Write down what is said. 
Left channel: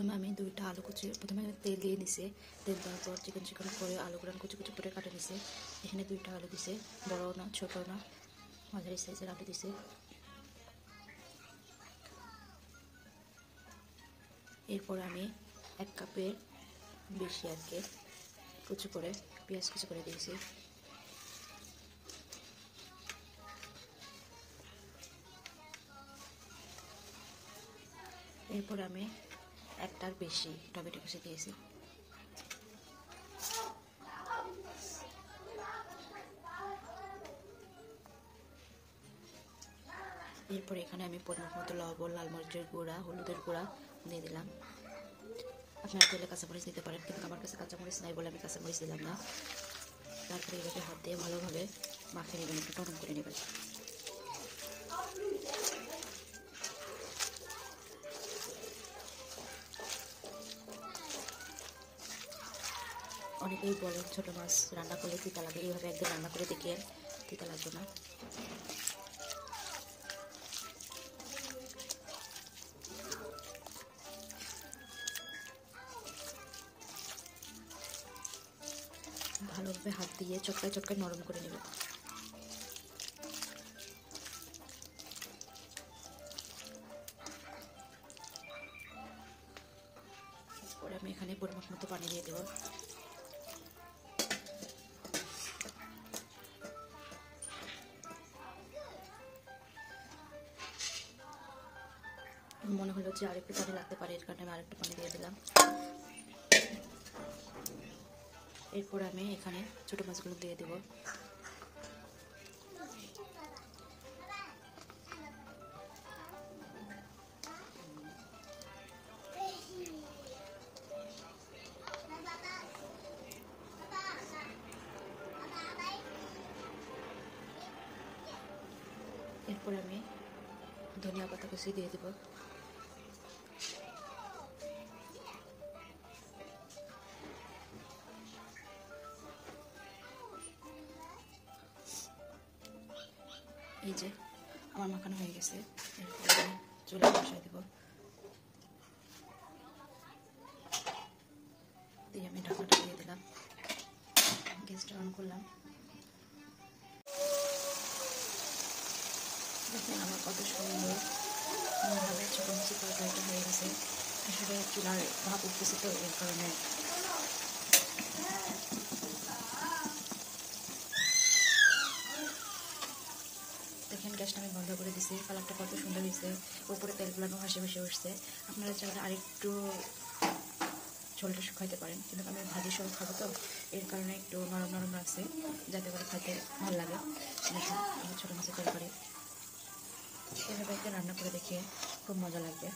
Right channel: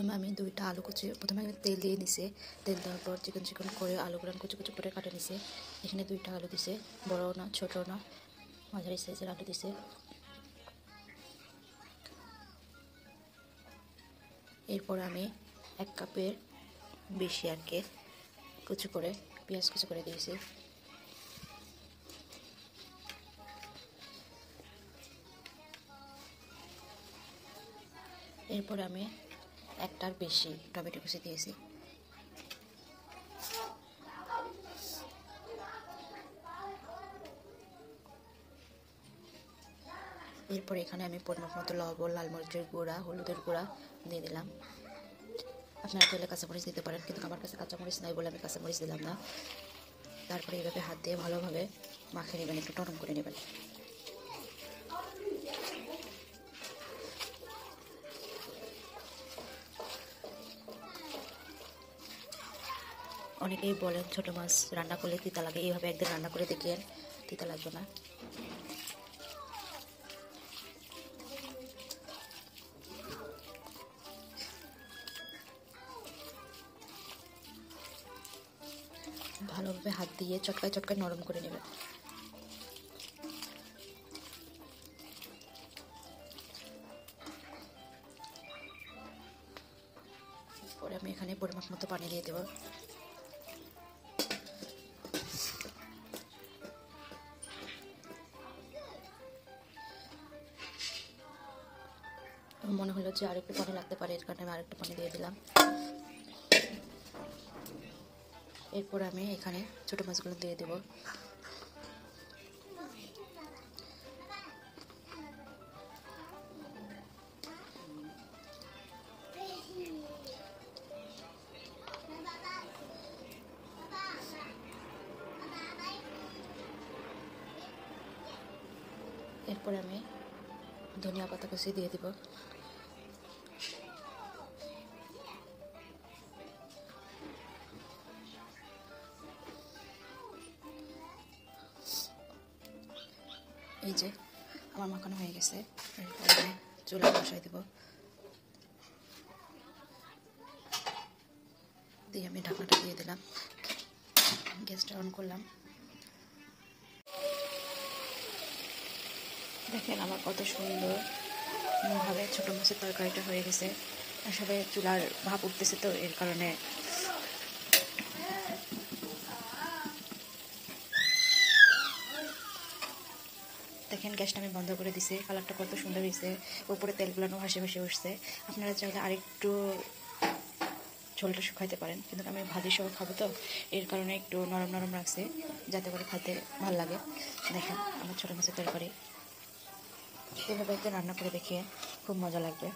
প্রথমে আমি দুইটা আলু কুচি প্রথমে তেল দিয়ে নিছে, তেল দেওয়ার পর চিকন চিকন করে আলুগুলো কুচি কুচি করে কাটে নিছে। এখানে দুইটা আলু দিছে, বড় না ছোট না মাঝারি সাইজের আলু দিছে। এরপর আমি 1 কাপের বেশি আর কি কুচি করে পেঁয়াজ কুচি করে দিয়েছি। এরপর আমি 1টার বেশি টমেটো কুচি দিয়েছি। এরপর এখানে আমি পরিমাণ মতো লবণ, লাল মরিচের গুঁড়া, হলুদের গুঁড়া দিয়ে দিলাম। আপনারা চাইলে কাঁচামরিচ দিতে পারেন, কিন্তু আমার কাছে কাঁচামরিচ নাই বলে আমি কাঁচামরিচ দিলাম না। তারপরে এইভাবে হাত দিয়ে ভালোভাবে মাখিয়ে নেবেন, একটু নরম করে নেবেন। অনেকেই বলেন ছোট মাছ রান্না করলে তিতা লাগে, এইভাবে একদিন রান্না করে দেখিয়ে তিতা লাগবে না। ভালোভাবে হাত দিয়ে চটকায় চটকায় নরম করে নেবেন। পরে আমি এখানে পরিমাণ মতো পানি দিয়ে দেব। মনে হলো যে আরেকটু পানি লাগতে পারে, এর কারণে আমি আরেকটু পানি দিয়ে দিলাম। এরপর আমি এখানে ছোট মাছগুলো দিয়ে দেব। এরপর আমি ধনিয়া পাতা কুচি দিয়ে দেব। এই যে আমার মাখানো হয়ে গেছে, চুলা বসাই দেব। দিয়ে আমি ঢাকাটা দিয়ে দিলাম, গ্যাসটা অন করলাম। দেখেন আমার কত সুন্দর ভাবে ছোটো মাছের তরকারিটা হয়ে গেছে। আসলে চুলার ভাপ উঠতেছে তো, এর কারণে দেখেন গ্যাসটা আমি বন্ধ করে দিছি। কালারটা কত সুন্দর হয়েছে, উপরে তেলগুলো ভাসে ভাসে উঠছে। আপনারা চাইলে আরেকটু ঝোলটা শুকাইতে পারেন, কিন্তু আমি ভাজি সহ খাবো তো, এর কারণে একটু নরম নরম রাখছে যাতে করে খাইতে ভালো লাগে। দেখেন আমার ছোটো মাছের তরকারি এভাবে একটু রান্না করে দেখিয়ে খুব মজা লাগবে।